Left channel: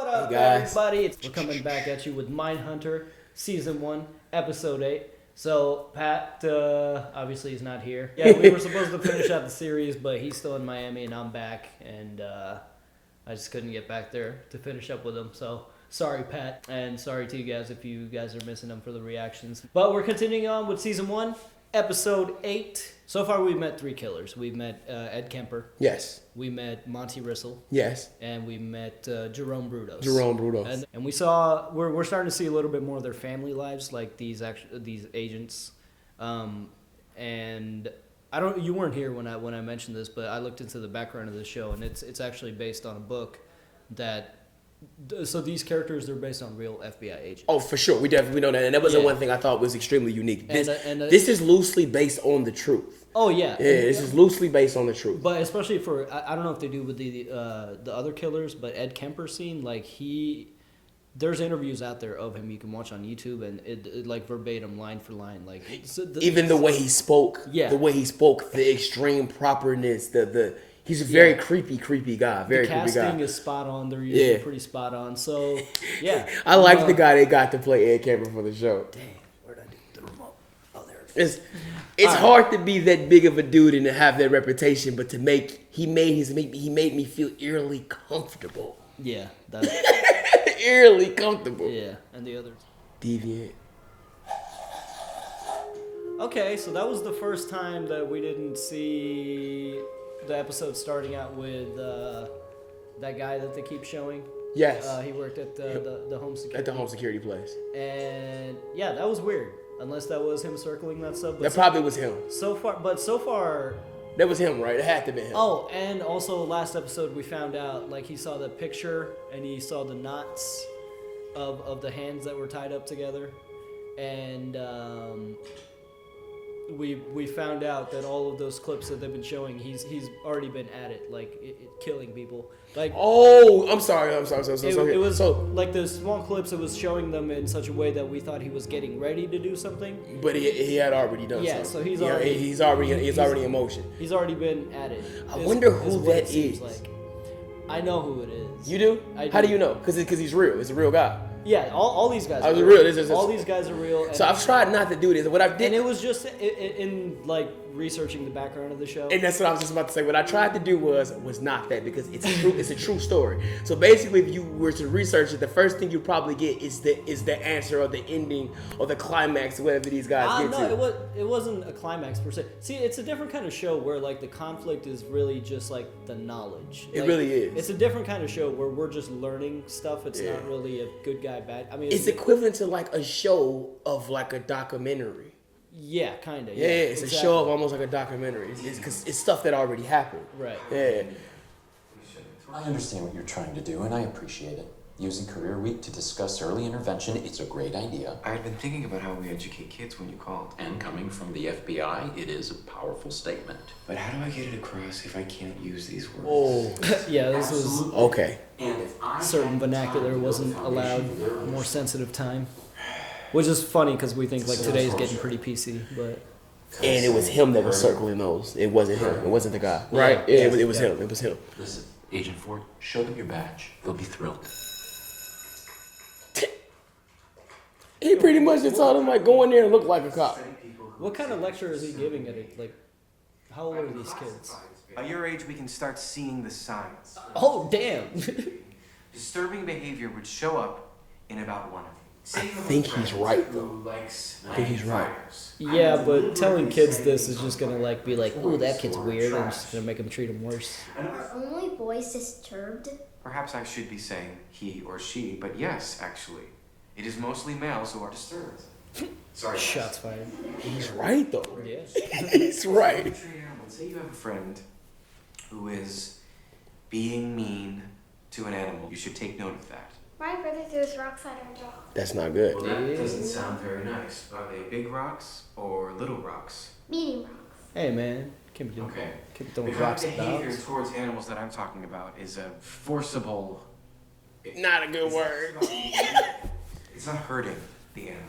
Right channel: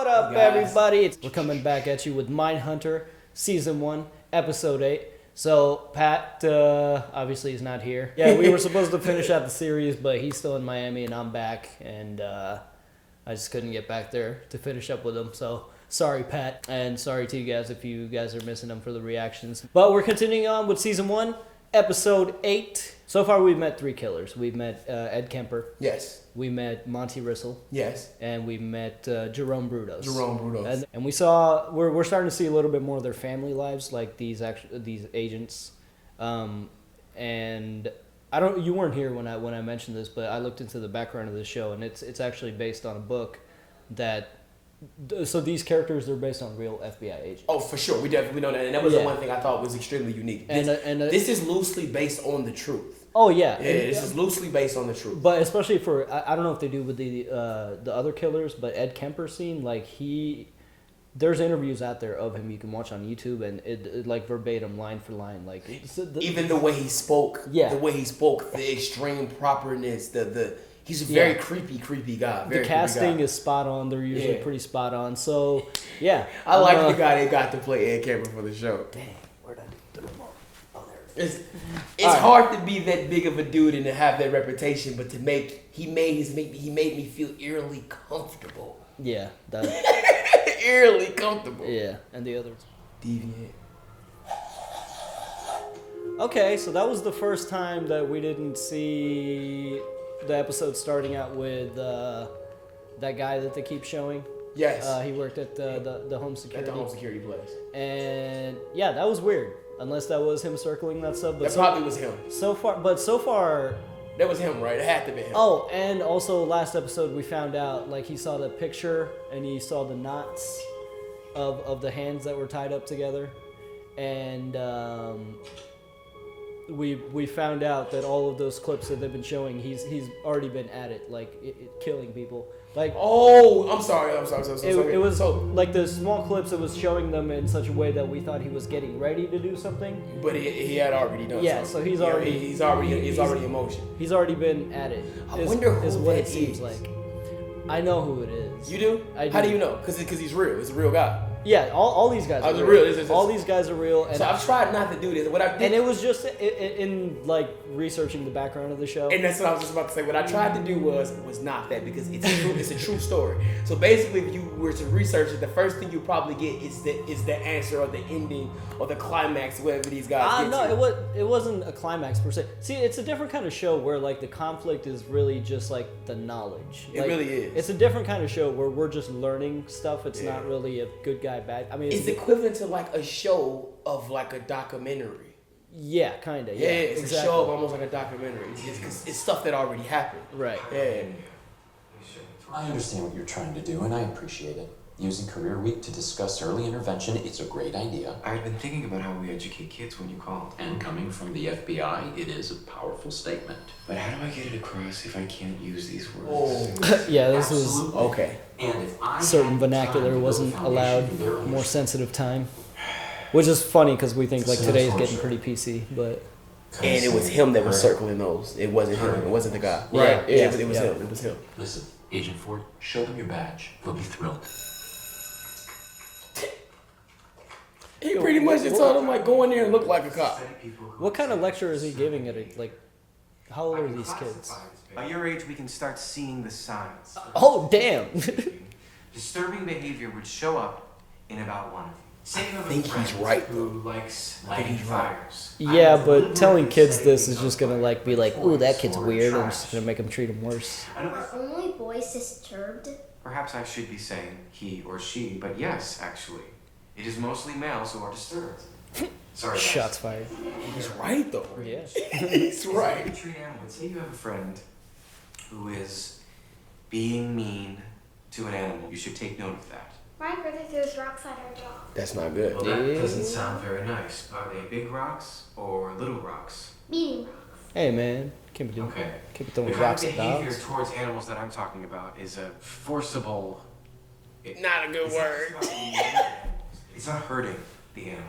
What up, everybody? We're coming back at you with Mindhunter, Season 1, Episode 8. So, Pat, obviously he's not here. Yeah, we were supposed to finish out the series, but he's still in Miami, and I'm back, and I just couldn't get back there to finish up with him, so sorry, Pat, and sorry to you guys if you guys are missing them for the reactions. But we're continuing on with Season 1, Episode 8. So far, we've met 3 killers. We've met Ed Kemper. Yes. We met Monty Rissel. Yes. And we met Jerome Brudos. Jerome Brudos. And we saw, we're starting to see a little bit more of their family lives, like these agents. And you weren't here when I mentioned this, but I looked into the background of this show, and it's actually based on a book that. So these characters are based on real FBI agents. Oh, for sure. We definitely know that. And that was the one thing I thought was extremely unique. This is loosely based on the truth. Oh, yeah. Yeah, this is loosely based on the truth. But especially for, I don't know if they do with the other killers, but Ed Kemper scene, like there's interviews out there of him you can watch on YouTube, and it like verbatim, line for line. Like even the way he spoke, the extreme properness, he's a very creepy guy. The casting is spot on. They're usually pretty spot on. So, yeah. I like the guy they got to play Ed Kemper for the show. Damn, where'd I do the remote? Oh, there it is. It's hard to be that big of a dude and to have that reputation, but he made me feel eerily comfortable. Yeah, eerily comfortable. Yeah, and the others. Deviant. Okay, so that was the first time that we didn't see the episode starting out with that guy that they keep showing. Yes. He worked at the home security. At the home security place. And yeah, that was weird. Unless that was him circling that stuff. But that probably was him. So far. That was him, right? It had to be him. Oh, and also last episode we found out, like, he saw the picture and he saw the knots of the hands that were tied up together. And we found out that all of those clips that they've been showing, he's already been at it, like killing people. Like, oh, I'm sorry. It was like the small clips. It was showing them in such a way that we thought he was getting ready to do something. But he had already done. Yeah, so he's already in motion. He's already been at it. I wonder who that is. Seems like. I know who it is. You do? How do you know? Because he's real. It's a real guy. Yeah, all these guys are real. All these guys are real. So I've tried not to do this. And it was just in like researching the background of the show. And that's what I was just about to say. What I tried to do was not that, because it's a true story. So basically, if you were to research it, the first thing you probably get is the answer or the ending or the climax, whatever these guys get to. No, it wasn't a climax per se. See, it's a different kind of show where like the conflict is really just like the knowledge. It really is. It's a different kind of show where we're just learning stuff. It's not really a good guy, bad. I mean, it's equivalent to like a show of like a documentary. Yeah, kind of. Yeah, it's a show of almost like a documentary. Because it's stuff that already happened. Right. Yeah. I understand what you're trying to do, and I appreciate it. Using Career Week to discuss early intervention, it's a great idea. I had been thinking about how we educate kids when you called. And coming from the FBI, it is a powerful statement. But how do I get it across if I can't use these words? Oh. Yeah, this was... Okay. Certain vernacular wasn't allowed, more sensitive time. Which is funny because we think like today's getting pretty PC, but... And it was him that was circling those. It wasn't him. It wasn't the guy. Right? Yeah, it was him. It was him. Listen, Agent Ford, show them your badge. They'll be thrilled. He pretty much just told him, like, go in there and look like a cop. What kind of lecture is he giving at it? Like, how old are these kids? By your age, we can start seeing the signs. Oh, damn! Disturbing behavior would show up in about 1 of you. I think he's right. Who likes lighting fires. Yeah, but telling kids this is just gonna like be like, ooh, that kid's weird. I'm just gonna make them treat him worse. Are only boys disturbed? Perhaps I should be saying he or she, but yes, actually. It is mostly males who are disturbed. Sorry. Shots fired. He's right, though. Yeah. He's right. Say you have a friend who is being mean to an animal. You should take note of that. My brother throws rocks at our dog. That's not good. Well, that doesn't sound very nice. Are they big rocks or little rocks? Medium rocks. Hey, man. Keep Okay. it throwing The kind of rocks at behavior dogs. towards animals that I'm talking about is a forcible... Not a good word. It's not hurting the animal.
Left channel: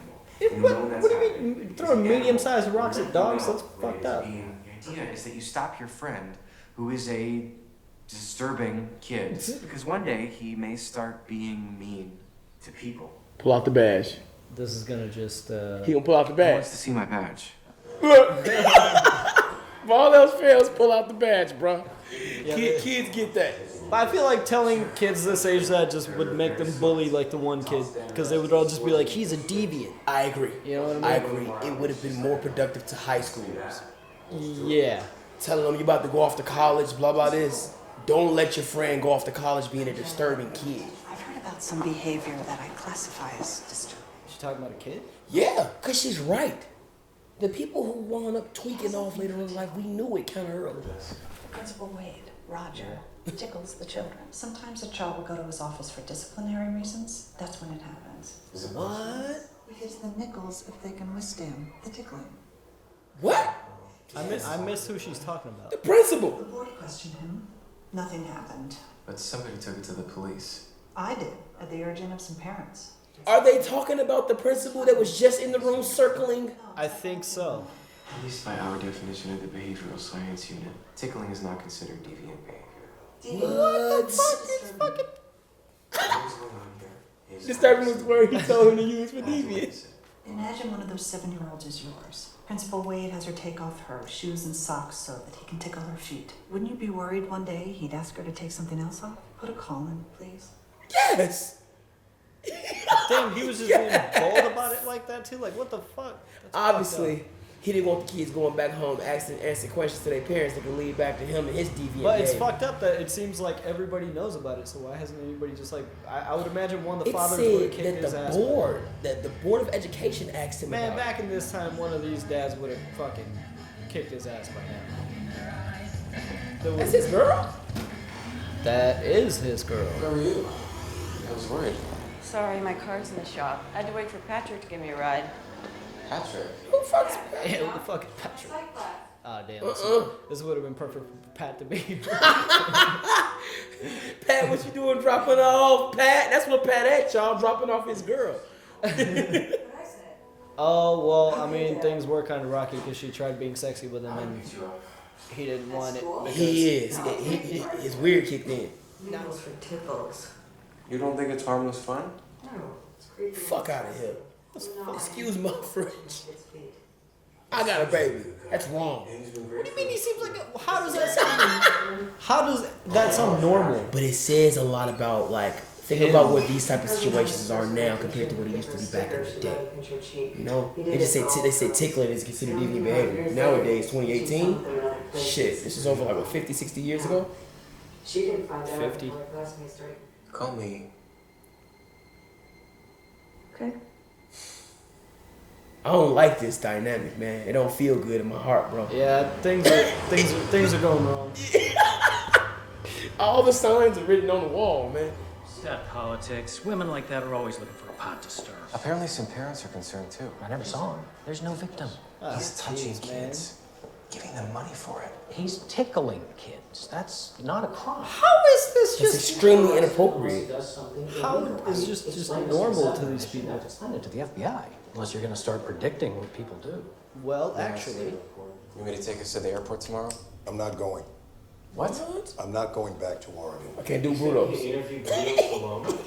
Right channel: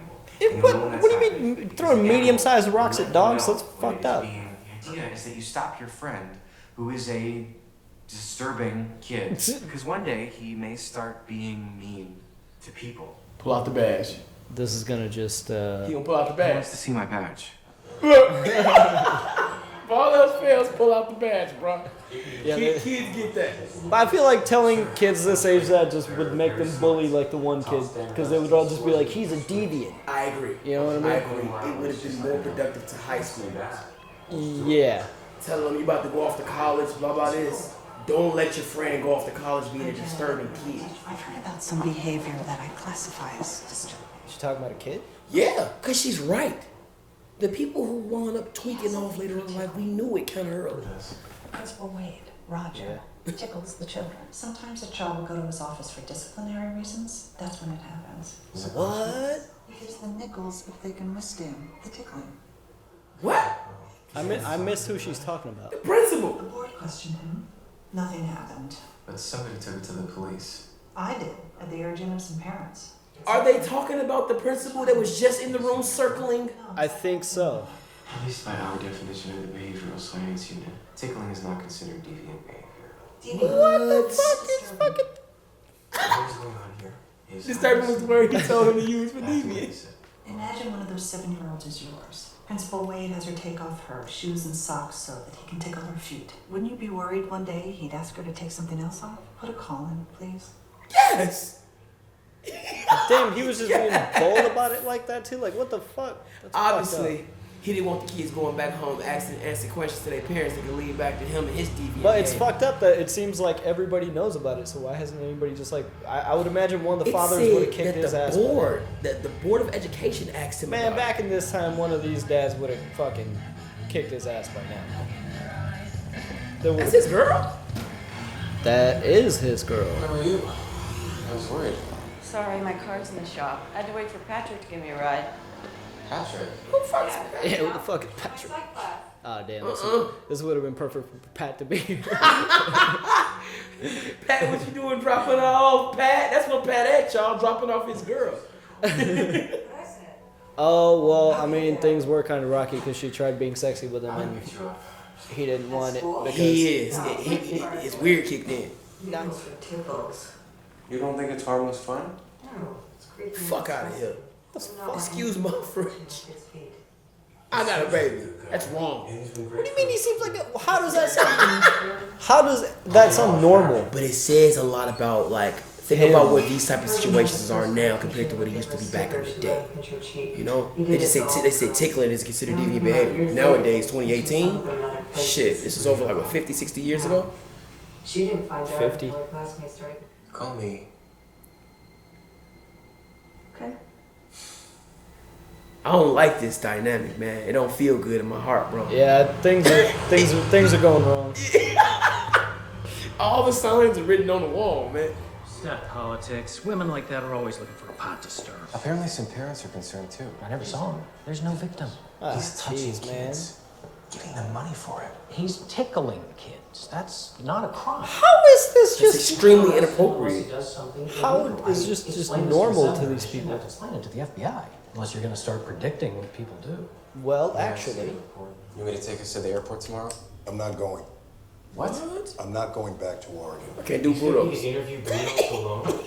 What do you mean throwing medium-sized rocks at dogs? That's fucked up. The idea is that you stop your friend, who is a disturbing kids. Because one day he may start being mean to people. Pull out the badge. This is gonna just. He gonna pull out the He badge. wants to see my badge. Look. If all else fails, pull out the badge, bro. Yeah, Kids get that. But I feel like telling kids this age that just would make them bully like the one kid, because they would all just be like, he's a deviant. I agree. You know what I mean? I agree. It would have been more productive to high schoolers. Yeah. Telling them you about to go off to college, blah blah this. Don't let your friend go off to college being a disturbing kid. I've heard about some behavior that I classify as disturbing. She's talking about a kid? Yeah, cause she's right. The people who wound up tweaking off later on in life, we knew it kind of hurt us. Principal Wade, Roger, tickles the children. Sometimes a child will go to his office for disciplinary reasons. That's when it happens. What? Because the nickels, if they can withstand the tickling. What? I miss who she's talking about. The principal. The board questioned him. Nothing happened. But somebody took it to the police. I did, at the urging of some parents. Are they talking about the principal that was just in the room circling? I think so. At least by our definition of the behavioral science unit, tickling is not considered deviant behavior. What the fuck? This fucking... What's going on here is Disturbing was the word he told him to use for deviant. Imagine one of those 7-year-olds is yours. Principal Wade has her take off her shoes and socks so that he can tickle her feet. Wouldn't you be worried one day he'd ask her to take something else off? Put a call in, please. Yes. Damn, he was just being bold about it like that too? Like, what the fuck? That's Obviously, he didn't want the kids going back home asking questions to their parents that could lead back to him and his deviant But it's behavior. fucked up that it seems like everybody knows about it, so why hasn't anybody just like... I would imagine one of the It fathers said would have kicked that his the ass. board, the board of education asked him Man, about back in this time, one of these dads would have fucking kicked his ass by now. it. That's his girl. That is his girl. Where were you? I was worried. Sorry, my car's in the shop. I had to wait for Patrick to give me a ride. Patrick. Who fucks? Yeah, what the fuck is Patrick? Ah, damn. This would have been perfect for Pat to be here. Pat, what you doing dropping off? Pat, that's what Pat at, y'all, dropping off his girl. Oh, well, I mean, things were kind of rocky because she tried being sexy with him and he didn't want it. Because He is. It's weird kicked in. Nice for tickles. You don't think it's harmless fun? No, it's creepy. Fuck out of here. Excuse my French. I got a baby. That's wrong. What do you mean he seems like how does that sound? How does that sound normal? But it says a lot about, like, think about what these type of situations are now compared to what it used to be back in the day. You know? They just say tickling is considered deviant behavior. Nowadays, 2018, shit, this is over like, what, 50, 60 years ago? She didn't find out 50. until her classmates started. Call me. Okay. I don't like this dynamic, man. It don't feel good in my heart, bro. Yeah, things are going wrong. All the signs are written on the wall, man. It's not politics. Women like that are always looking for a pot to stir. Apparently some parents are concerned too. I never saw him. There's no victim. He's touching jeez, man. kids, giving them money for it. He's tickling kids. That's not a crime. How is this It's just extremely inappropriate. how is just normal to these people? Explain it to the FBI, unless you're going to start predicting what people do. Well, actually, You want me to take us to the airport tomorrow? I'm not going. What? I'm not going back to Oregon. I can't do Budos.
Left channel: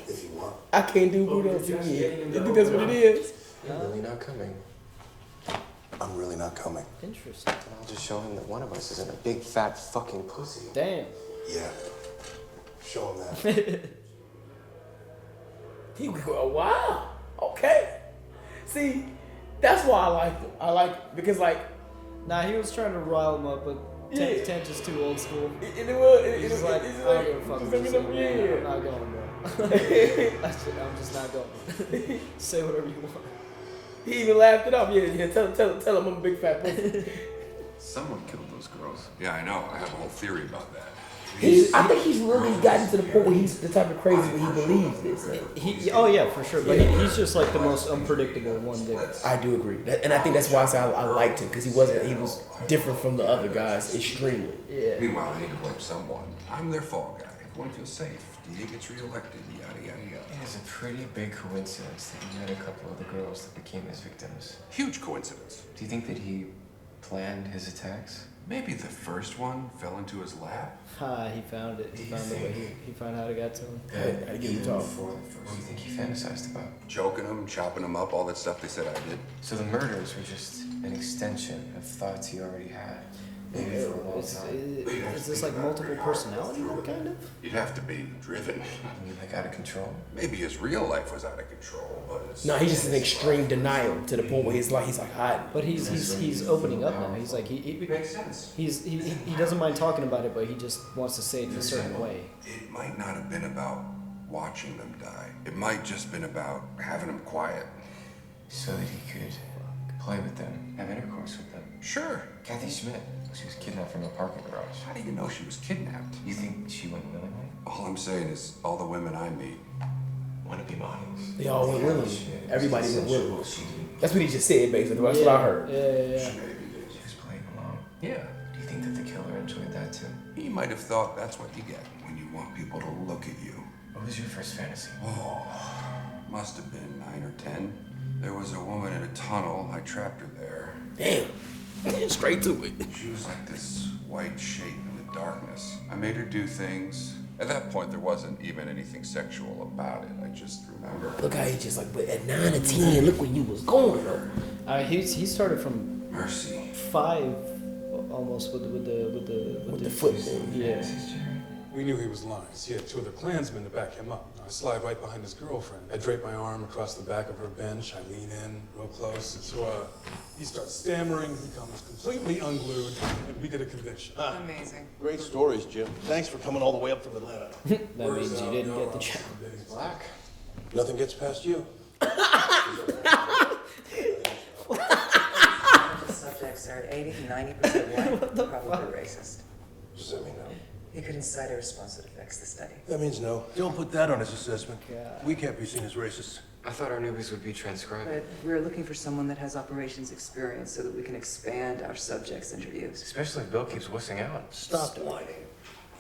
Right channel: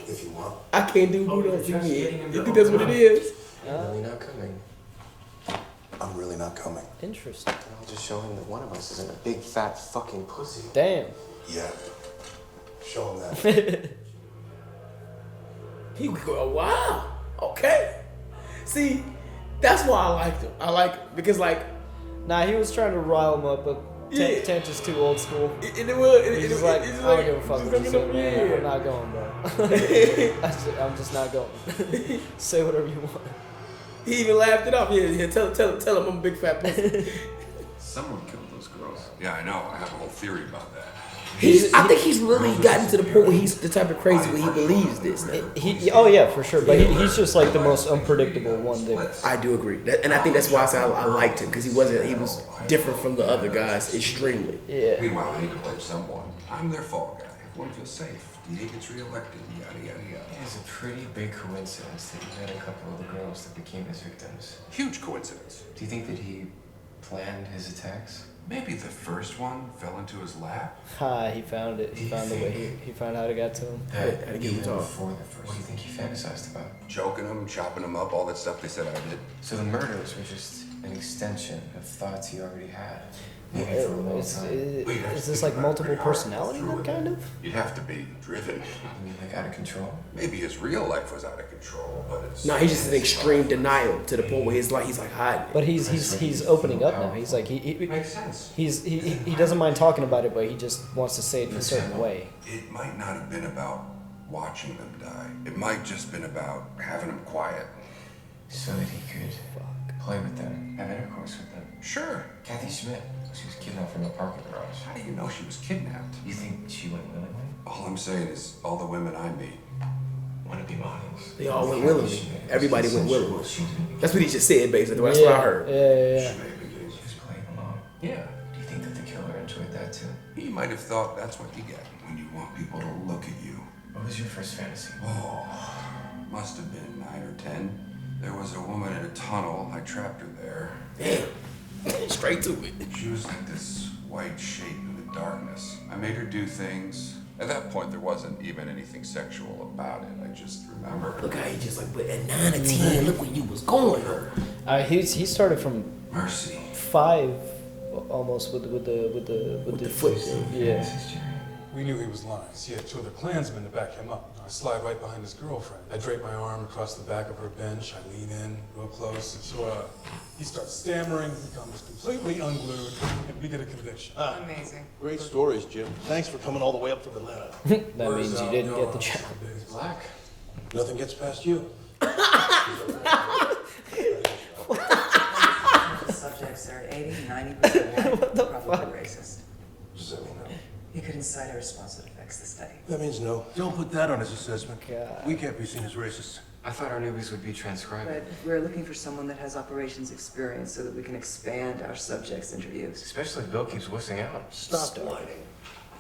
If you want. I can't do Budos again. You think that's what it is? You're really not coming. I'm really not coming. interesting. And I'll just show him that one of us isn't a big fat fucking pussy. Damn. Yeah. Show him that. He would go, wow, okay. See, that's why I liked him. I like because like Nah, he was trying to rile him up, but Yeah. Tench is too old school. and it was He's just like, I don't give a fuck what you say, man. I'm not going, bro. I'm just not going. Say whatever you want. He even laughed it off. Yeah, tell him I'm a big fat pussy. Someone killed those girls. Yeah, I know. I have a whole theory about that. I think he's really gotten to the point where he's the type of crazy where he believes this now. Oh yeah, for sure. But he's just like the most unpredictable one there. I do agree, and I think that's why I liked him because he was different from the other guys extremely. Yeah. Meanwhile, I need to blame someone. I'm their fall guy. Everyone feels safe. D.A. gets reelected. Yada yada yada. It is a pretty big coincidence that you met a couple of the girls that became his victims. Huge coincidence. Do you think that he planned his attacks? Maybe the first one fell into his lap. He found it. He found the way. He found how to get to him. I get him talk. What do you think he fantasized about? Choking him, chopping him up, all that stuff they said I did. So the murders were just an extension of thoughts he already had. Maybe for a long time. Is this like multiple personality, kind of? You'd have to be driven. I mean, like out of control? Maybe his real life was out of control, but his... No, he's just in extreme denial to the point where he's like hiding. But he's opening up now. He's like he Makes sense. he doesn't mind talking about it, but he just wants to say it in a certain way. It might not have been about watching them die. It might just been about having them quiet. So that he could play with them, have intercourse with them. Sure. Kathy Schmidt, she was kidnapped from a parking garage. How do you know she was kidnapped? You think she went willingly? All I'm saying is all the women I meet Want to be models? They all went willingly. Everybody went willingly. That's what he just said, basically. That's what I heard. Yeah. She was playing along. Yeah. Do you think that the killer enjoyed that too? He might have thought that's what you get when you want people to look at you. What was your first fantasy? Oh, must have been 9 or 10. There was a woman in a tunnel. I trapped her there. Damn. Straight to it. She was like this white shape in the darkness. I made her do things. At that point, there wasn't even anything sexual about it. I just remember. Look how he just like, but at 9 or 10, look where you was going. He started from Mercy. 5 almost with the foot. Yeah. We knew he was lying. He had 2 other Klansmen to back him up. I slide right behind his girlfriend. I drape my arm across the back of her bench. I lean in real close. So he starts stammering, becomes completely unglued, and we get a conviction. Amazing. Great stories, Jim. Thanks for coming all the way up from Atlanta. That means you didn't get the job. Black. Nothing gets past you. Subjects are 80-90% white, probably racist. What does that mean? He could incite a response that affects the study. That means no. Don't put that on his assessment. We can't be seen as racist. I thought our newbies would be transcribed. But we're looking for someone that has operations experience so that we can expand our subjects' interviews. Especially if Bill keeps wussing out. Stop whining.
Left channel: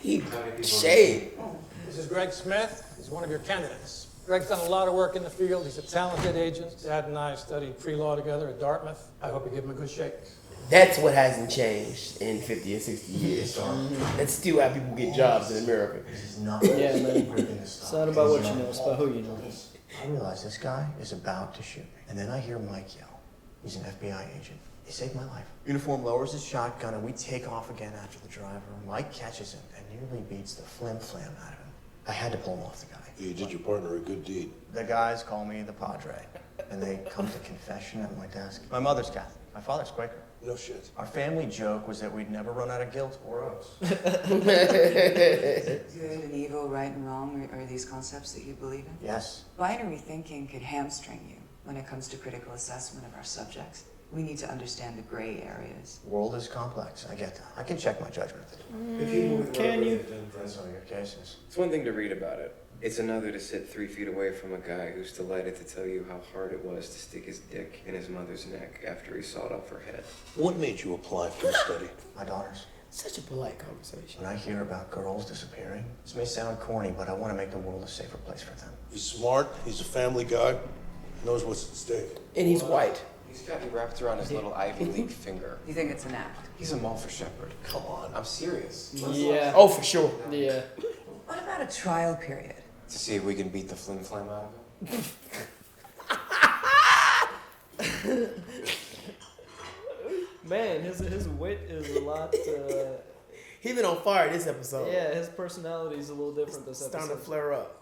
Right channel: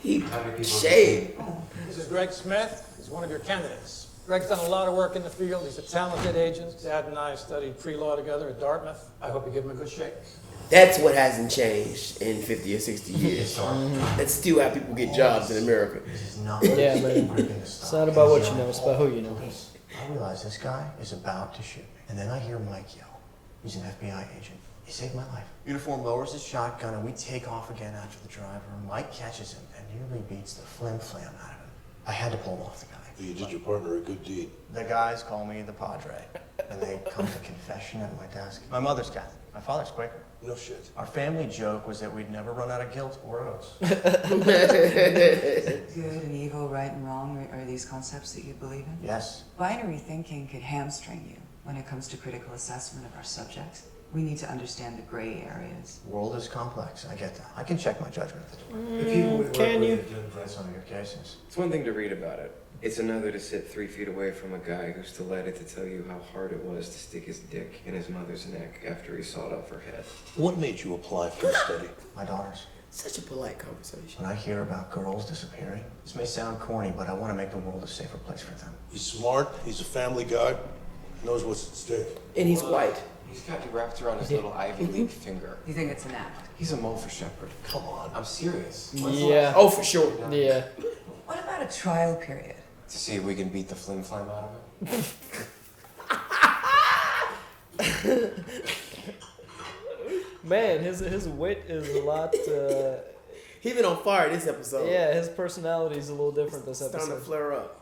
He shade. This is Greg Smith. He's one of your candidates. Greg's done a lot of work in the field. He's a talented agent. Dad and I studied pre-law together at Dartmouth. I hope you give him a good shake. That's what hasn't changed in 50 or 60 years. That's still how people get jobs in America. Yeah, man. It's not about what you know, it's about who you know. I realize this guy is about to shoot me. And then I hear Mike yell. He's an FBI agent. He saved my life. Uniform lowers his shotgun and we take off again after the driver. Mike catches him and nearly beats the flim-flam out of him. I had to pull him off the guy. You did your partner a good deed. The guys call me the Padre. And they come to confession at my desk. My mother's Catholic. My father's Quaker. No shit. Our family joke was that we'd never run out of guilt or oaths. Good and evil, right and wrong, are these concepts that you believe in? Yes. Binary thinking could hamstring you when it comes to critical assessment of our subjects. We need to understand the gray areas. The world is complex. I get that. I can check my judgment at the door. Can you? In some of your cases. It's one thing to read about it. It's another to sit 3 feet away from a guy who's delighted to tell you how hard it was to stick his dick in his mother's neck after he sawed off her head. What made you apply for the study? My daughters. Such a polite conversation. When I hear about girls disappearing, this may sound corny, but I want to make the world a safer place for them. He's smart, he's a family guy, knows what's at stake. And he's white. He's got you wrapped around his little Ivy League finger. You think it's an act? He's a mole for Shepherd. Come on. I'm serious. Yeah. Oh, for sure. Yeah. What about a trial period? To see if we can beat the flim-flam out of it. Man, his wit is a lot. He been on fire this episode. Yeah, his personality is a little different this Starting episode. to flare up.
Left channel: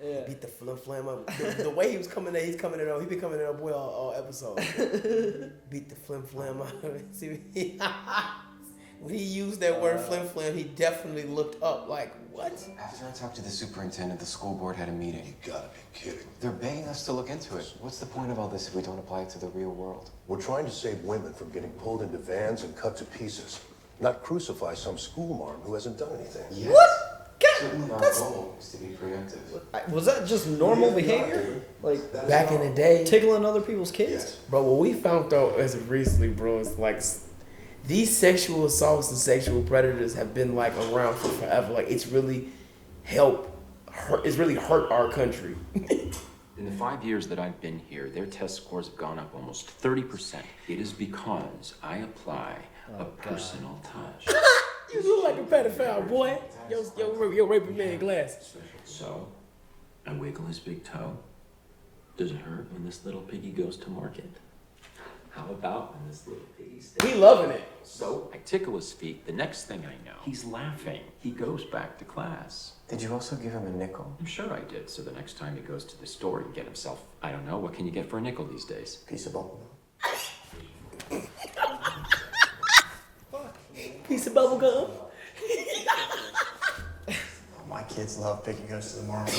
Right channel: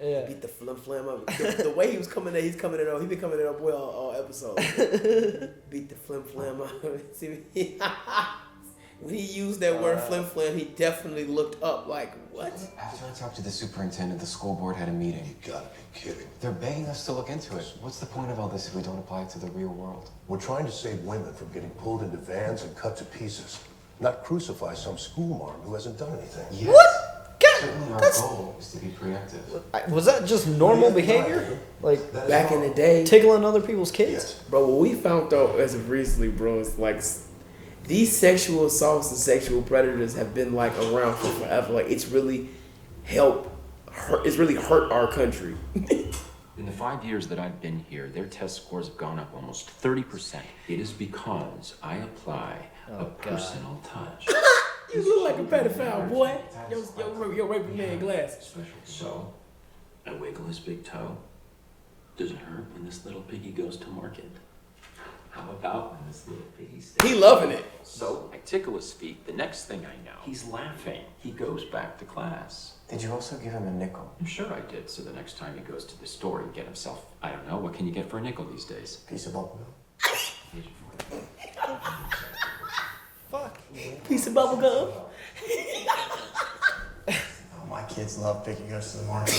Yeah. Beat the flim up. The way he was coming in, he's coming in on. He been coming in on boy all episode. Beat the flim out. See, when he used that word flim, he definitely looked up like, what? After I talked to the superintendent, the school board had a meeting. You gotta be kidding. They're begging us to look into it. What's the point of all this if we don't apply it to the real world? We're trying to save women from getting pulled into vans and cut to pieces, not crucify some school marm who hasn't done anything. Yes. What? Certainly our goal is to be preemptive. Was that just normal behavior? Like Back in the day, tickling other people's kids? But what we found though as of recently, bro, is like these sexual assaults and sexual predators have been like around for forever. Like it's really hurt our country. In the 5 years that I've been here, their test scores have gone up almost 30%. It is because I apply a personal touch. You look like a pedophile, boy. Your raping man glasses. So, I wiggle his big toe. Does it hurt when this little piggy goes to market? How about when this little piggy stays? He loving it. So, I tickle his feet. The next thing I know, he's laughing. He goes back to class. Did you also give him a nickel? I'm sure I did. So the next time he goes to the store, he can get himself, I don't know, what can you get for a nickel these days? Piece of bubble gum. Piece of bubble gum. My kids love Picky Goes to the Market.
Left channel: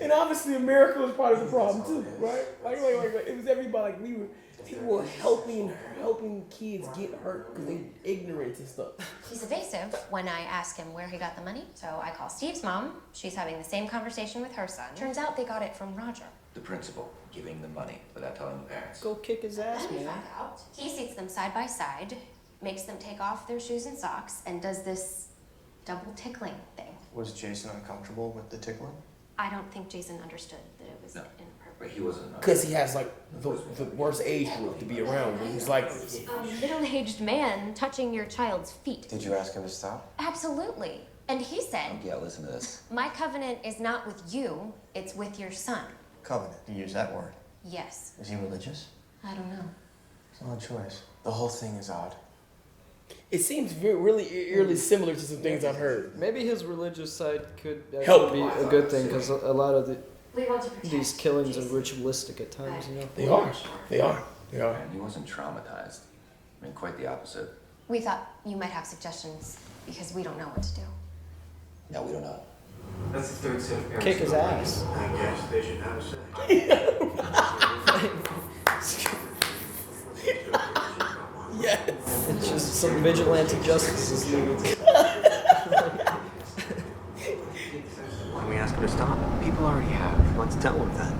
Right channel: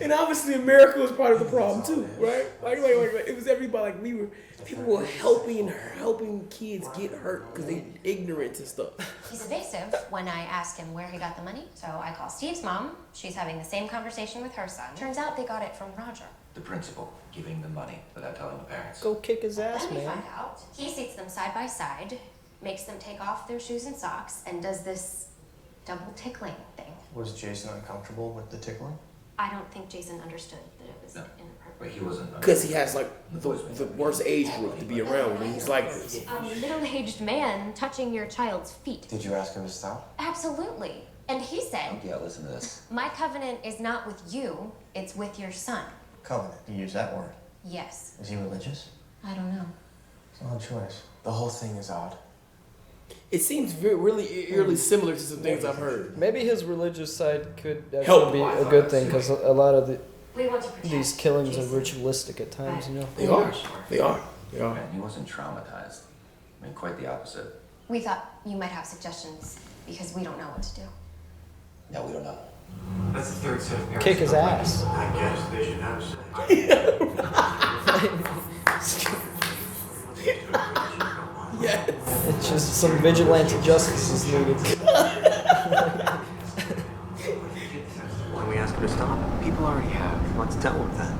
And obviously America was part of the problem too, right? Like it was everybody. Like people were helping kids get hurt because they ignorant and stuff. He's evasive when I ask him where he got the money. So I call Steve's mom. She's having the same conversation with her son. Turns out they got it from Roger. The principal giving the money without telling the parents. Go kick his ass, Then we man. find out he seats them side by side, makes them take off their shoes and socks, and does this double tickling thing. Was Jason uncomfortable with the tickling? I don't think Jason understood that it was inappropriate. But he wasn't. Because he has like the worst age group to be around. He's like A middle-aged man touching your child's feet. Did you ask him to stop? Absolutely. And he said, Yeah, listen to this. my covenant is not with you, it's with your son. Covenant. You use that word. Yes. Is he religious? I don't know. It's an odd choice. The whole thing is odd. it seems really eerily similar to some things I've heard. Maybe his religious side could Help. actually be a good thing because a lot of We want to protect these killings are ritualistic at times, you know. They are. And he wasn't traumatized. I mean, quite the opposite. We thought you might have suggestions because we don't know what to do. No, we don't know. That's the third set of parents. Kick his ass. I guess they should have a say. Yes. It's just some vigilante justice is needed. Why don't we ask him to stop? People already have. Let's tell him that.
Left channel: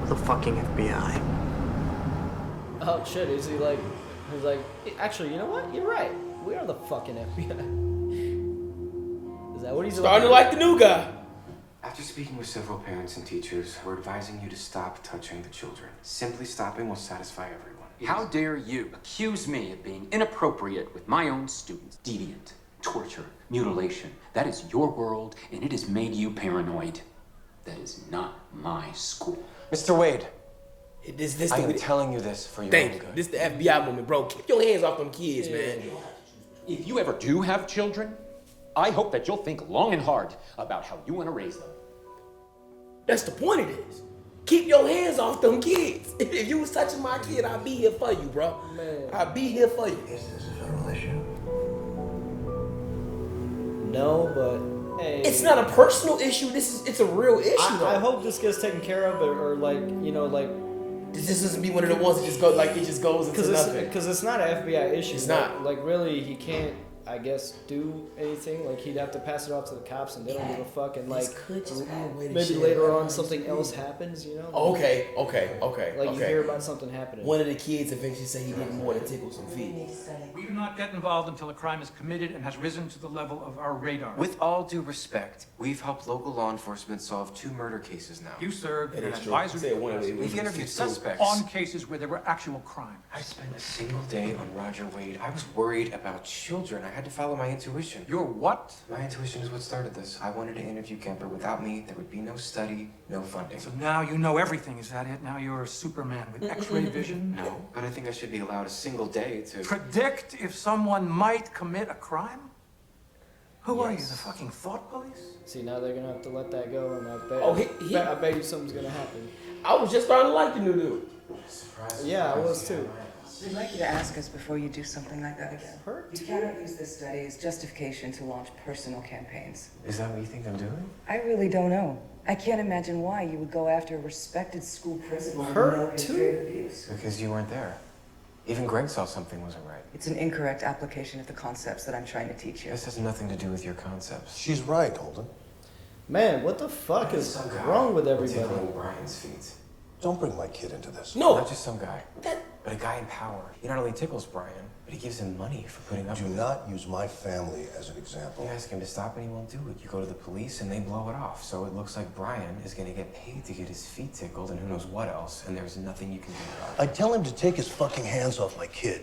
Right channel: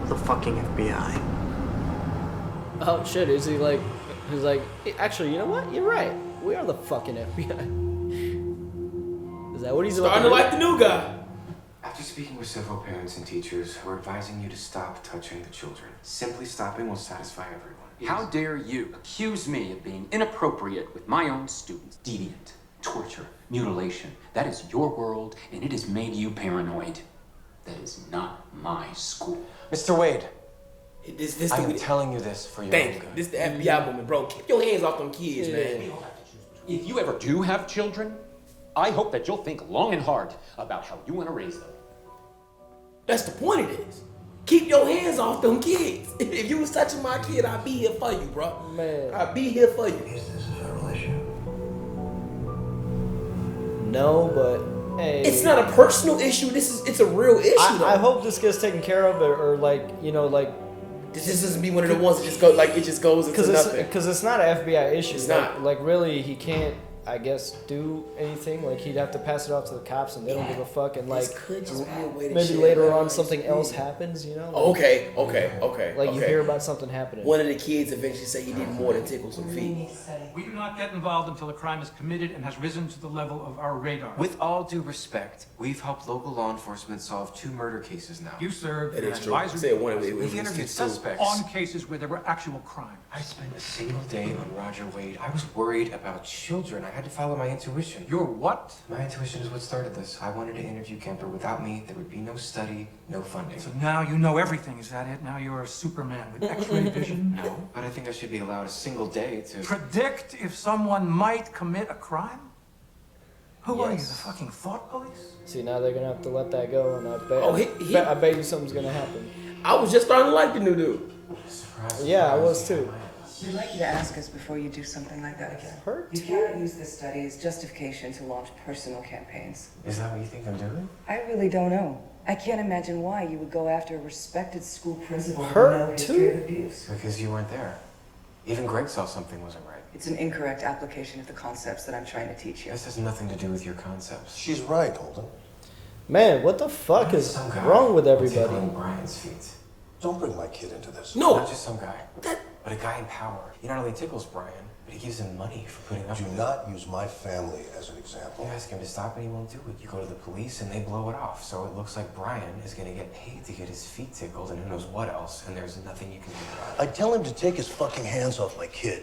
We're the fucking FBI. Oh shit, is he like, he's like, actually, you know what? You're right. We are the fucking FBI. Is that what he's starting to like the new guy? After speaking with several parents and teachers, we're advising you to stop touching the children. Simply stopping will satisfy everyone. How dare you accuse me of being inappropriate with my own students? Deviant, torture, mutilation. That is your world, and it has made you paranoid. That is not my school. Mr. Wade, This I am telling you this for your own good. This the FBI woman, bro. Keep your hands off them kids, man. If you ever do have children, I hope that you'll think long and hard about how you want to raise them. That's the point of this. Keep your hands off them kids. If you was touching my kid, I'd be here for you, bro. Man. I'd be here for you. Is this a federal issue? No, but hey. It's not a personal issue. It's a real issue. I hope this gets taken care of, or like, you know, like. This just doesn't be one of the ones that just go like it just goes into nothing. Because it's not an FBI issue. It's like, not. Like really, he can't. I guess do anything. Like he'd have to pass it off to the cops, and they don't give a fuck. And like could just be a way to maybe shit later out on these something kids. else happens. You know. Okay. Like you hear about something happening. One of the kids eventually say he did more than tickle some feet. We do not get involved until a crime is committed and has risen to the level of our radar. With all due respect, we've helped local law enforcement solve 2 murder cases now. You served in It an is true. advisory Say one of capacity it. We've interviewed suspects. on cases where there were actual crimes. I spent a single day on Roger Wade. I was worried about children. I had to follow my intuition. Your what? My intuition is what started this. I wanted to interview Kemper. Without me, there would be no study, no funding. So now you know everything, is that it? Now you're a Superman with X-ray vision? No, but I think I should be allowed a single day to... Predict if someone might commit a crime? Who are you, the fucking thought police? See, now they're gonna have to let that go, and I bet. Oh, I bet you something's gonna happen. I was just starting to like the new dude. Yeah, I was too. We'd like you to ask us before you do something like that again. Hurt? You cannot use this study as justification to launch personal campaigns. Is that what you think I'm doing? I really don't know. I can't imagine why you would go after a respected school principal with Hurt no history of too? abuse. Because you weren't there. Even Greg saw something wasn't right. It's an incorrect application of the concepts that I'm trying to teach you. This has nothing to do with your concepts. She's right, Holden. Man, what the fuck is wrong with everybody? Tickling Brian's feet. Don't bring my kid into this. No, Not just some guy. But a guy in power, he not only tickles Brian, but he gives him money for putting up Do with it. not use my family as an example. You ask him to stop and he won't do it. You go to the police and they blow it off. So it looks like Brian is gonna get paid to get his feet tickled and who knows what else, and there's nothing you can do about it. I tell him to take his fucking hands off my kid.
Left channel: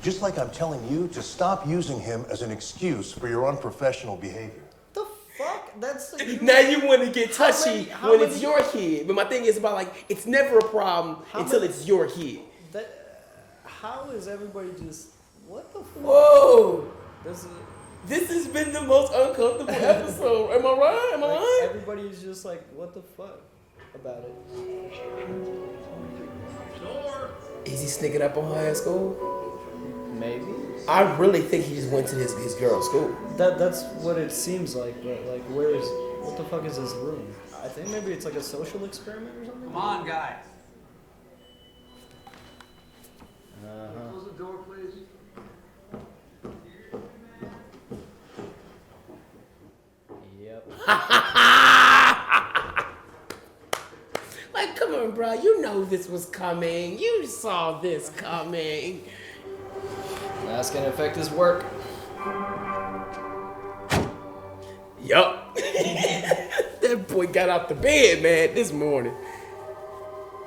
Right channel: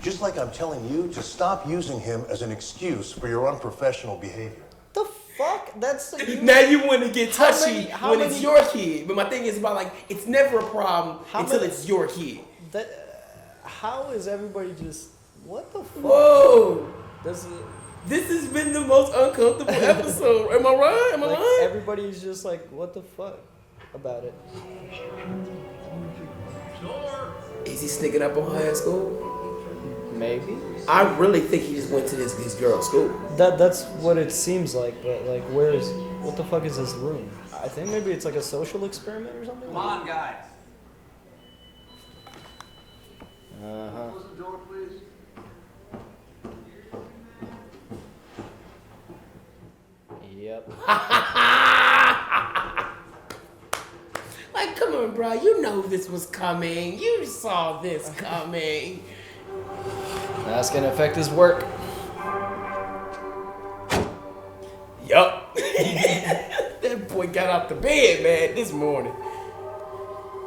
Just like I'm telling you to stop using him as an excuse for your unprofessional behavior. The fuck? That's now you want to get touchy when it's many- your kid. But my thing is about like it's never a problem until many- it's your kid. How is everybody just what the fuck? Whoa! This has been the most uncomfortable episode. Am I right? Am I like, lying? everybody's just like, what the fuck about it? Is he sneaking up on her at school? Maybe. I really think he just went to his girl's school. That's what it seems like, but like, what the fuck is his room? I think maybe it's like a social experiment or something. Come on, guys. Close the door, please. Yep. Like, come on, bro. You know this was coming. You saw this coming. That's gonna affect his work. Yup. That boy got off the bed, man, this morning.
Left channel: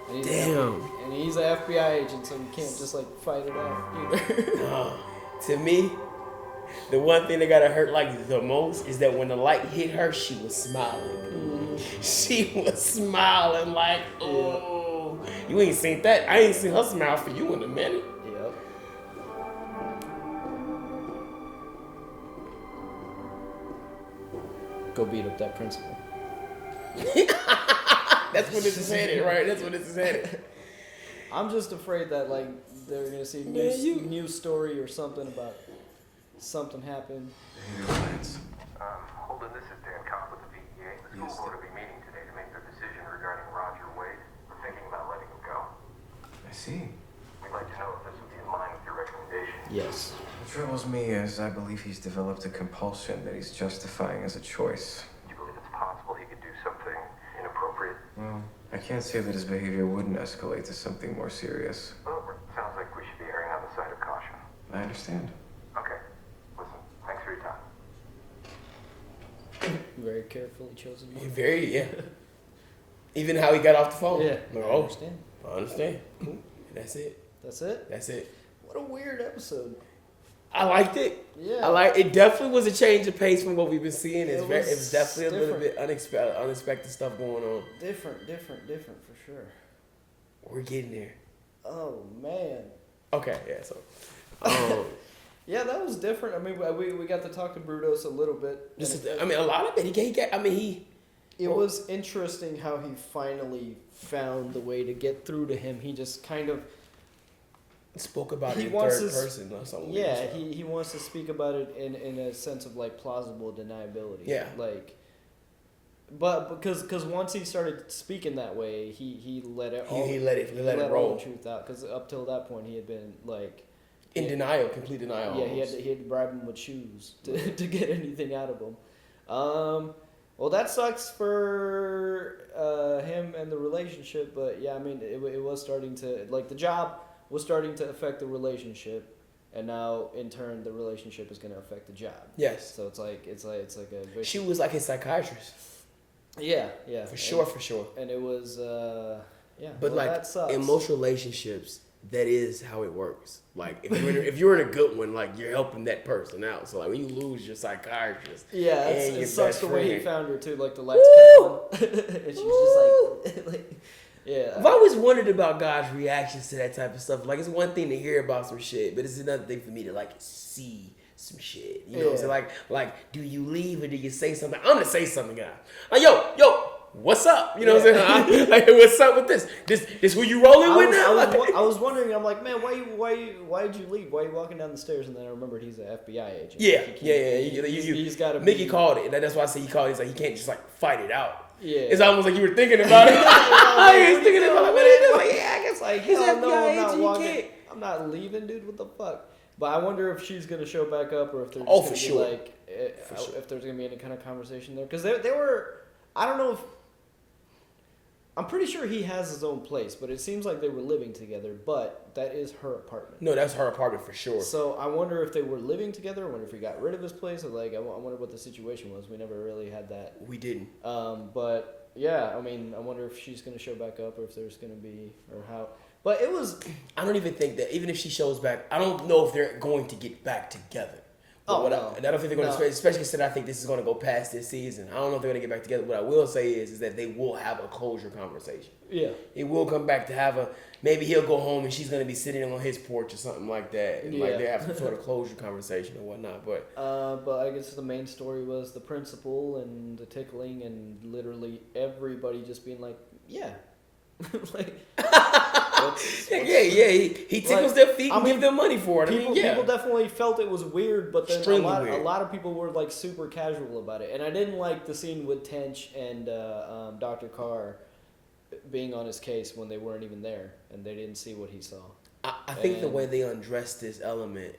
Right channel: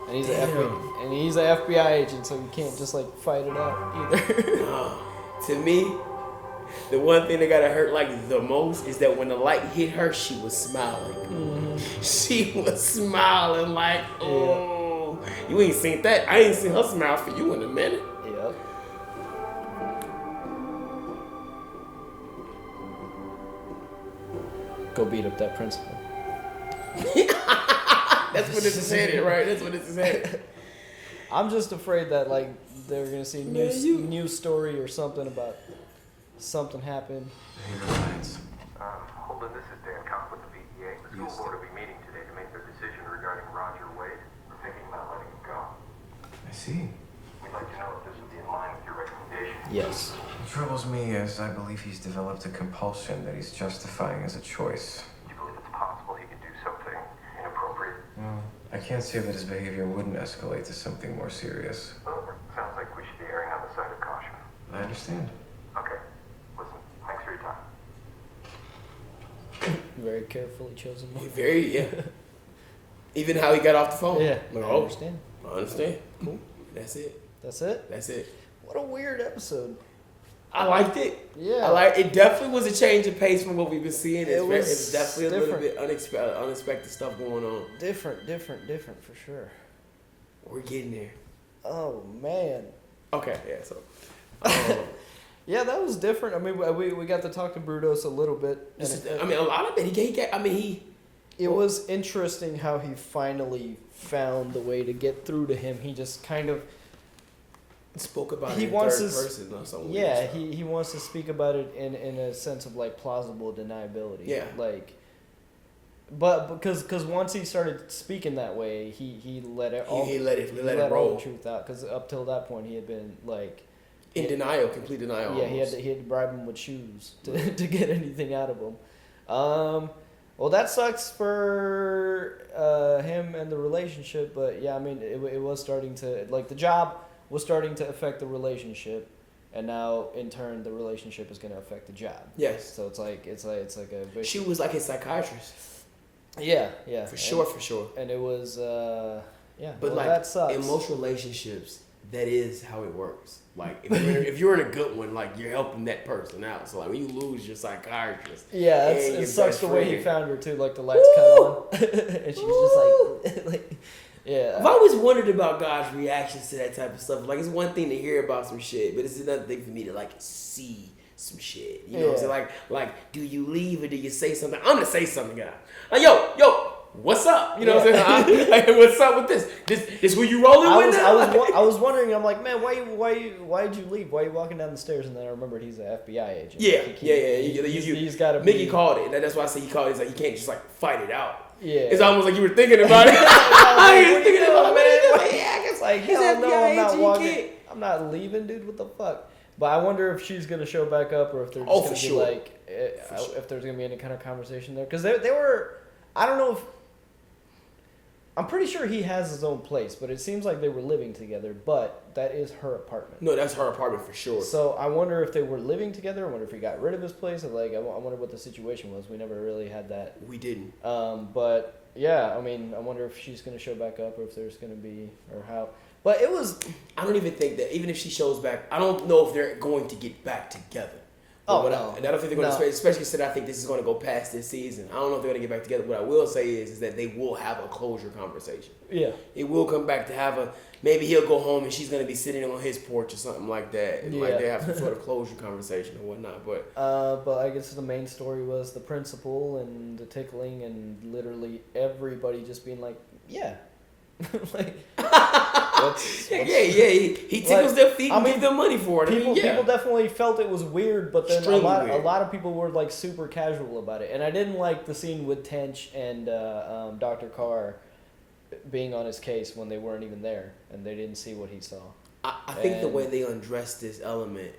And he's an FBI agent, so you can't just like fight it out either. To me, the one thing that gotta hurt like the most is that when the light hit her, she was smiling. She was smiling like, oh, you ain't seen that. I ain't seen her smile for you in a minute. Yep. Go beat up that principal. That's what this is headed, right? That's what this is headed. I'm just afraid that like they're gonna see news story or something about something happened. Holden, this is Dan Cobb with the VEA. The school board will be meeting today to make their decision regarding Roger Wade. We're thinking about letting him go. I see. We'd like to know if this would be in line with your recommendation. Yes. What troubles me is I believe he's developed a compulsion that he's justifying as a choice. Do you believe it's possible he could do something inappropriate? Well, I can't say that his behavior wouldn't escalate to something more serious. Well, it sounds like we should be erring on the side of caution. I understand. Okay. Listen, thanks for your time. Very carefully chosen. Yeah. Even how he got off the phone. Yeah. Like, I oh, understand. I understand. Cool. That's it. That's it? That's it. What a weird episode. I liked it. Yeah. It definitely was a change of pace from what we've been seeing. It was it's definitely a little different. bit unexpected stuff going on. Different for sure. We're getting there. Oh man. Okay, yeah, so yeah, that was different. I mean, we got to talk to Brudos a little bit. I mean, a lot of it. It was interesting how he finally found the way to get through to him. He just kind of spoke about it he in wants third to, person or something. Yeah, he wants to speak about it in a sense of like plausible deniability. Yeah. Like, but because once he started speaking that way, he let it all He let it all roll. the truth out. Because up till that point, he had been like In denial, complete denial. Yeah, almost. he had to bribe him with shoes to get anything out of him. Well, that sucks for him and the relationship, but yeah, I mean, it was starting to, like, the job was starting to affect the relationship, and now in turn the relationship is going to affect the job. Yes. So it's like a vicious. She was like his psychiatrist. Yeah. For sure. And it was yeah. But well, like that sucks. emotional relationships, that is how it works. Like if you're in a good one, like you're helping that person out. So like when you lose your psychiatrist, Yeah, and it your sucks best the way he friend- found her too. Like the lights cut on, and she's just like, yeah. I've always wondered about God's reactions to that type of stuff. Like it's one thing to hear about some shit, but it's another thing for me to like see some shit. You know what I'm saying? Like, do you leave or do you say something? I'm gonna say something, guys. Like, yo, what's up? You know what I'm saying? Like, what's up with this? This who you rolling with? I was wondering. I'm like, man, why'd you leave? Why are you walking down the stairs? And then I remembered he's an FBI agent. He's got to be. Mickey called it, and that's why I say he called it. He's like, he can't just like fight it out. Yeah. It's almost like you were thinking about it. What are you doing, man? Yeah, it's like, He's hell no, FBI I'm not agent, walking. you can't. I'm not leaving, dude. What the fuck? But I wonder if she's gonna show back up, or if they're just gonna be like, if there's gonna be any kind of conversation there, because they were. I don't know if. I'm pretty sure he has his own place, but it seems like they were living together. But that is her apartment. No, that's her apartment for sure. So I wonder if they were living together. I wonder if he got rid of his place. I wonder what the situation was. We never really had that. We didn't. But yeah, I mean, I wonder if she's gonna show back up, or if there's gonna be, or how. But it was. I don't even think that even if she shows back, I don't know if they're going to get back together. No. And I don't think they're going to, especially since I think this is going to go past this season. I don't know if they're going to get back together. What I will say is that they will have a closure conversation. Yeah. It will come back to have maybe he'll go home and she's going to be sitting on his porch or something like that. And like they have some sort of closure conversation or whatnot. But I guess the main story was the principal and the tickling and literally everybody just being like, yeah. like, he tickles their feet and gives them money for it. People definitely felt it was weird, but then a lot of people were like super casual about it. And I didn't like the scene with Tench and Dr. Carr being on his case when they weren't even there and they didn't see what he saw. I think the way they undressed this element,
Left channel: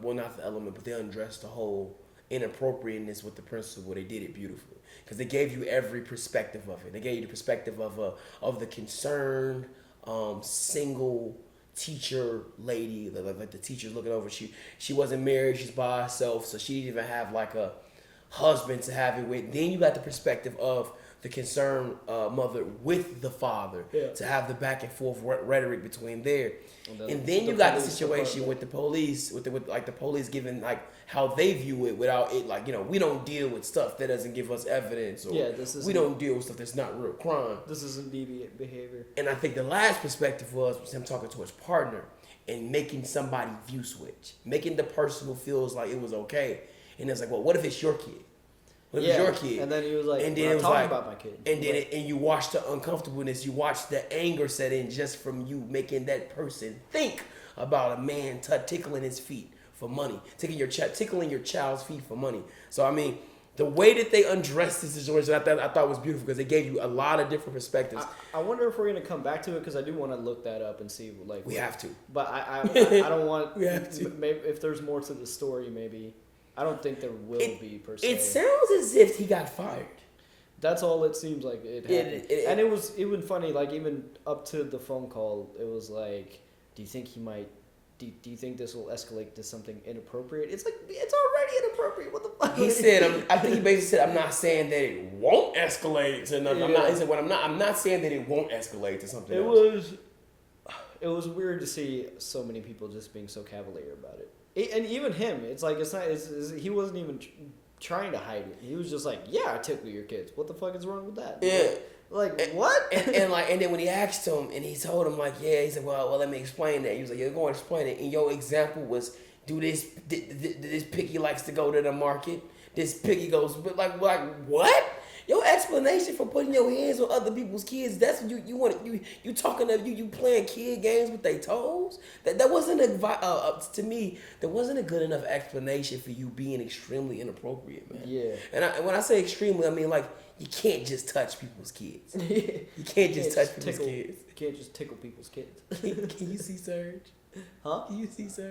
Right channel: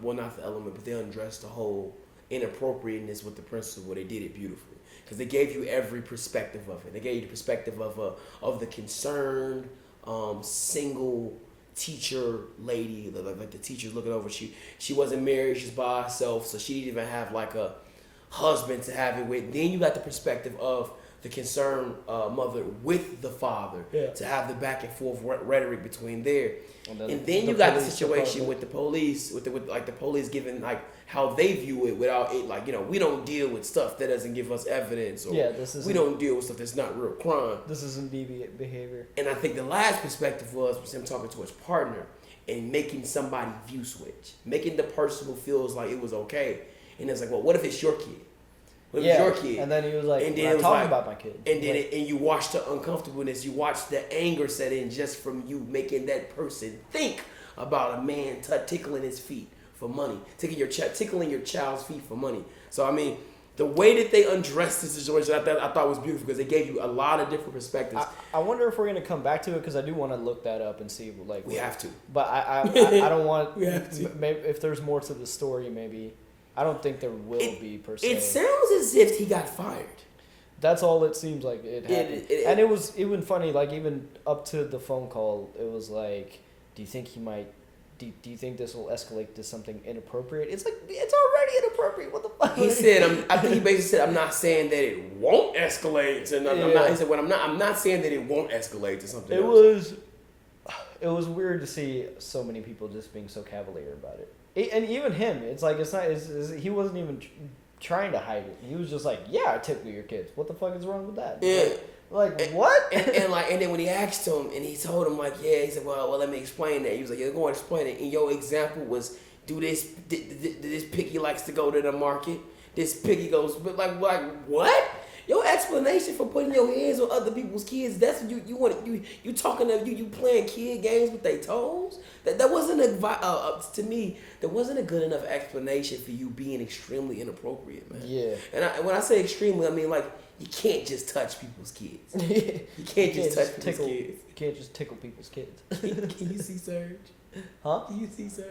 well, not the element, but they undressed the whole inappropriateness with the principal. They did it beautifully. Because they gave you every perspective of it. They gave you the perspective of the concerned single teacher lady, like the teacher's looking over. She wasn't married. She's by herself, so she didn't even have like a husband to have it with. Then you got the perspective of the concerned mother with the father to have the back and forth rhetoric between there. And then you got the situation with the police, with the police giving like how they view it without it, like, you know, we don't deal with stuff that doesn't give us evidence, or we don't deal with stuff that's not real crime. This isn't deviant behavior. And I think the last perspective was him talking to his partner and making somebody view switch, making the person who feels like it was okay, and it's like, well, what if it's your kid? What if it's your kid? And then he was like, and then I'm talking about my kid. And then and you watch the uncomfortableness, you watch the anger set in just from you making that person think about a man tickling his feet for money, tickling your child's feet for money. So I mean, the way that they undressed the situation, I thought was beautiful because it gave you a lot of different perspectives. I wonder if we're gonna come back to it because I do want to look that up and see like we have to. But I don't want. We have to. Maybe if there's more to the story, maybe I don't think there will be per se. It sounds as if he got fired. That's all it seems like it happened. And it was even funny, like even up to the phone call, it was like, do you think he might? Do you think this will escalate to something inappropriate? It's like, it's already inappropriate. What the fuck? He said, I think he basically said, I'm not saying that it won't escalate to nothing. Yeah. He said, I'm not saying that it won't escalate to something else. It was weird to see so many people just being so cavalier about it. And even him, it's like, he wasn't even trying to hide it. He was just like, yeah, I tickle your kids. What the fuck is wrong with that? Yeah. Like what? And then when he asked him and he told him like, yeah, he said, well, let me explain that. He was like, yeah, go and explain it. And your example was, do this piggy likes to go to the market. This piggy goes, but like what? Your explanation for putting your hands on other people's kids, that's you talking to you playing kid games with their toes. That wasn't to me. There wasn't a good enough explanation for you being extremely inappropriate, man. Yeah. And when I say extremely, I mean like, you can't just touch people's kids. You can't just touch people's kids. You can't just tickle people's kids. Can you see Surge? Huh? Can you see Surge?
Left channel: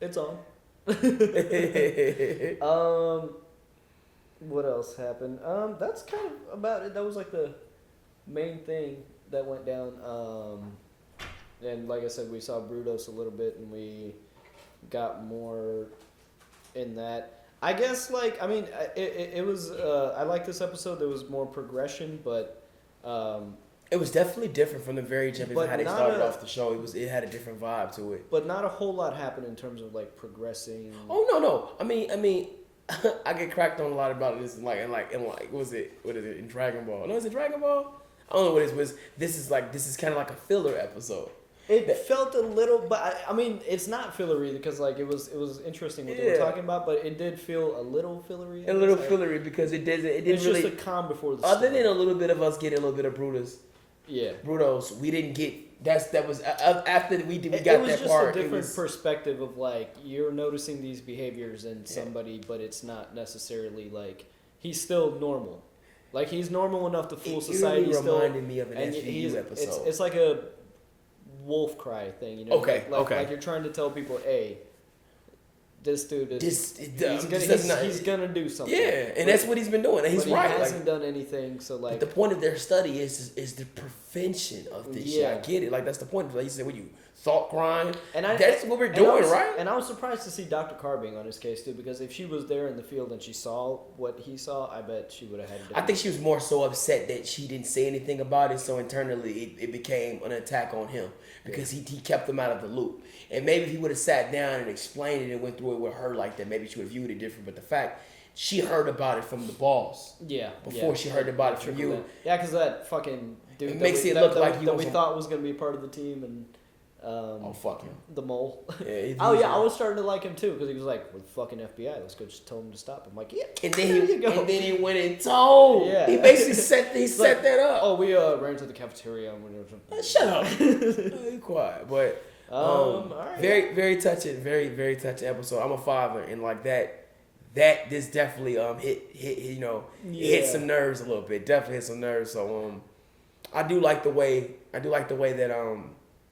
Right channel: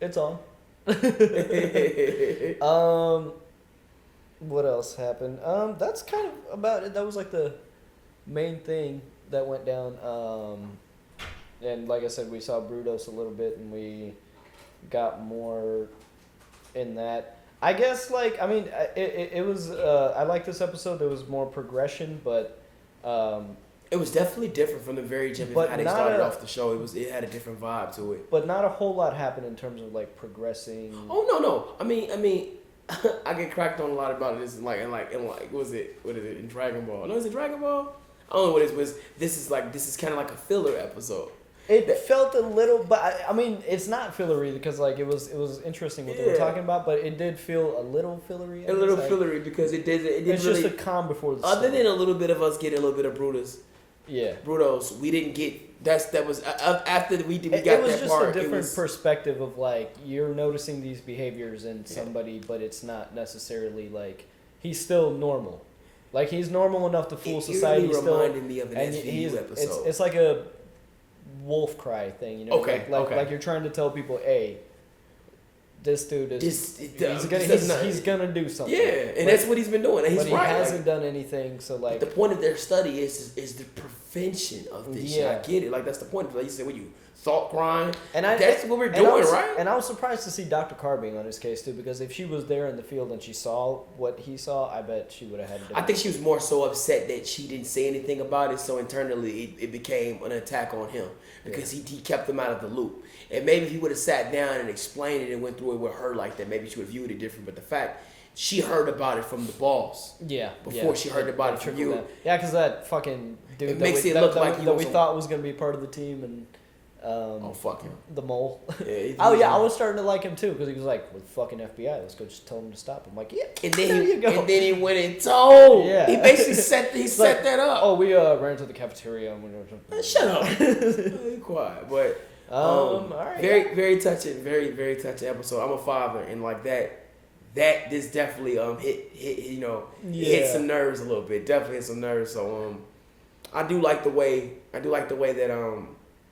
It's on. What else happened? That's kind of about it. That was like the main thing that went down. And like I said, we saw Brudos a little bit, and we got more in that. I guess, like, I mean, it was, I like this episode. There was more progression, but... it was definitely different from the very gym. How they started off the show, it had a different vibe to it. But not a whole lot happened in terms of, like, progressing. Oh, no. I mean, I get cracked on a lot about this, what is it, in Dragon Ball? No, is it Dragon Ball? I don't know what it was. This is kind of like a filler episode. It felt a little, but I mean, it's not fillery because like it was interesting what they were talking about, but it did feel a little fillery. Fillery because it did. It's really, just a calm before the. Other than a little bit of us getting a little bit of Brutus. Yeah. Brutos, we didn't get. That was after we got that part. It was just a different perspective of like you're noticing these behaviors in somebody, but it's not necessarily like he's still normal. Like he's normal enough to fool society. Really still reminded me of an SVU episode. It's like a wolf cry thing, you know. Okay. Like you're trying to tell people, hey, this dude is he's gonna do something. Yeah, and that's what he's been doing. And he's but he right. hasn't done anything. So like, but the point of their study is the prevention of this shit. I get it. Like that's the point. Like you said, when you thought crime, and that's what we're doing, right? And I was surprised to see Dr. Carr being on his case too, because if she was there in the field and she saw what he saw, I bet she would have had. I think she was more so upset that she didn't say anything about it. So internally, it became an attack on him because he kept them out of the loop. And maybe if he would have sat down and explained it and went through it with her like that, maybe she would have viewed it different. But the fact she heard about it from the boss, before she heard about it from you, because that fucking dude makes it look like we thought was gonna be part of the team and. Fuck him. The mole. Yeah, I was starting to like him too because he was like, "Well, fucking FBI, let's go just tell him to stop." I'm like, "Yeah." And then he went and told. Yeah. He basically set that up. Oh, we ran to the cafeteria. Shut up. Be quiet. But all right. Very very touching. Very very touching episode. I'm a father, and like that this definitely hit some nerves a little bit. Definitely hit some nerves. So I do like the way that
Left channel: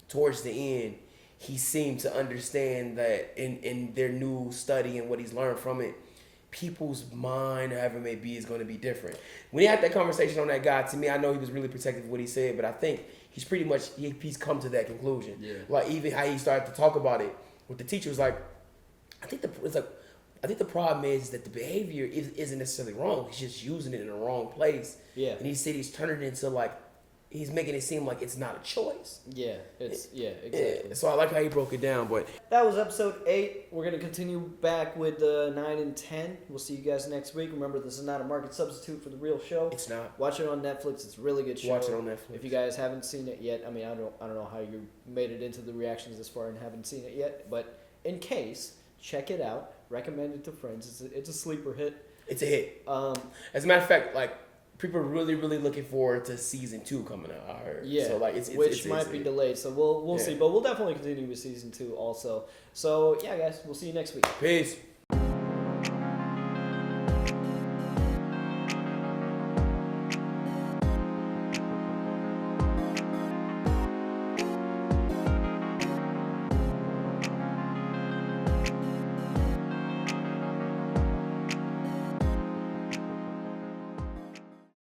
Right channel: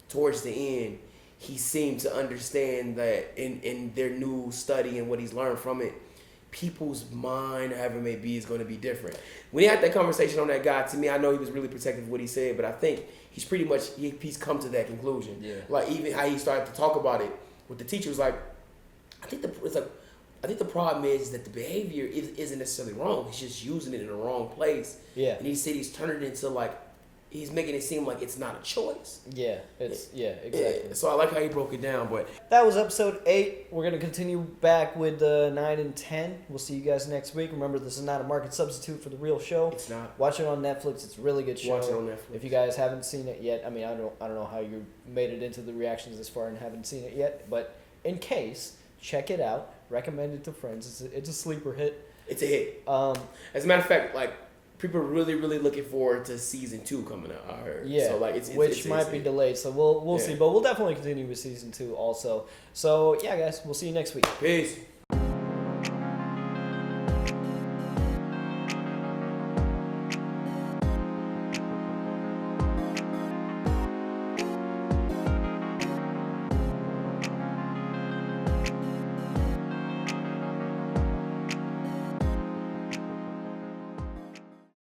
towards the end, he seemed to understand that in their new study and what he's learned from it, people's mind, however it may be, is going to be different. When he had that conversation on that guy, to me, I know he was really protective of what he said, but I think he's pretty much, he's come to that conclusion. Yeah. Like, even how he started to talk about it with the teacher was like, I think the problem is that the behavior isn't necessarily wrong. He's just using it in the wrong place. Yeah. And he said he's turning it into like, he's making it seem like it's not a choice. Yeah, exactly. Yeah. So I like how he broke it down, but that was episode 8. We're gonna continue back with 9 and 10. We'll see you guys next week. Remember, this is not a market substitute for the real show. It's not. Watch it on Netflix. It's a really good show. Watch it on Netflix. If you guys haven't seen it yet, I mean, I don't know how you made it into the reactions this far and haven't seen it yet, but in case, check it out. Recommend it to friends. It's a sleeper hit. It's a hit. As a matter of fact, like, people are really, really looking forward to season 2 coming out. I heard. Yeah, so like which might be delayed. So we'll see, but we'll definitely continue with season 2 also. So yeah, guys, we'll see you next week. Peace.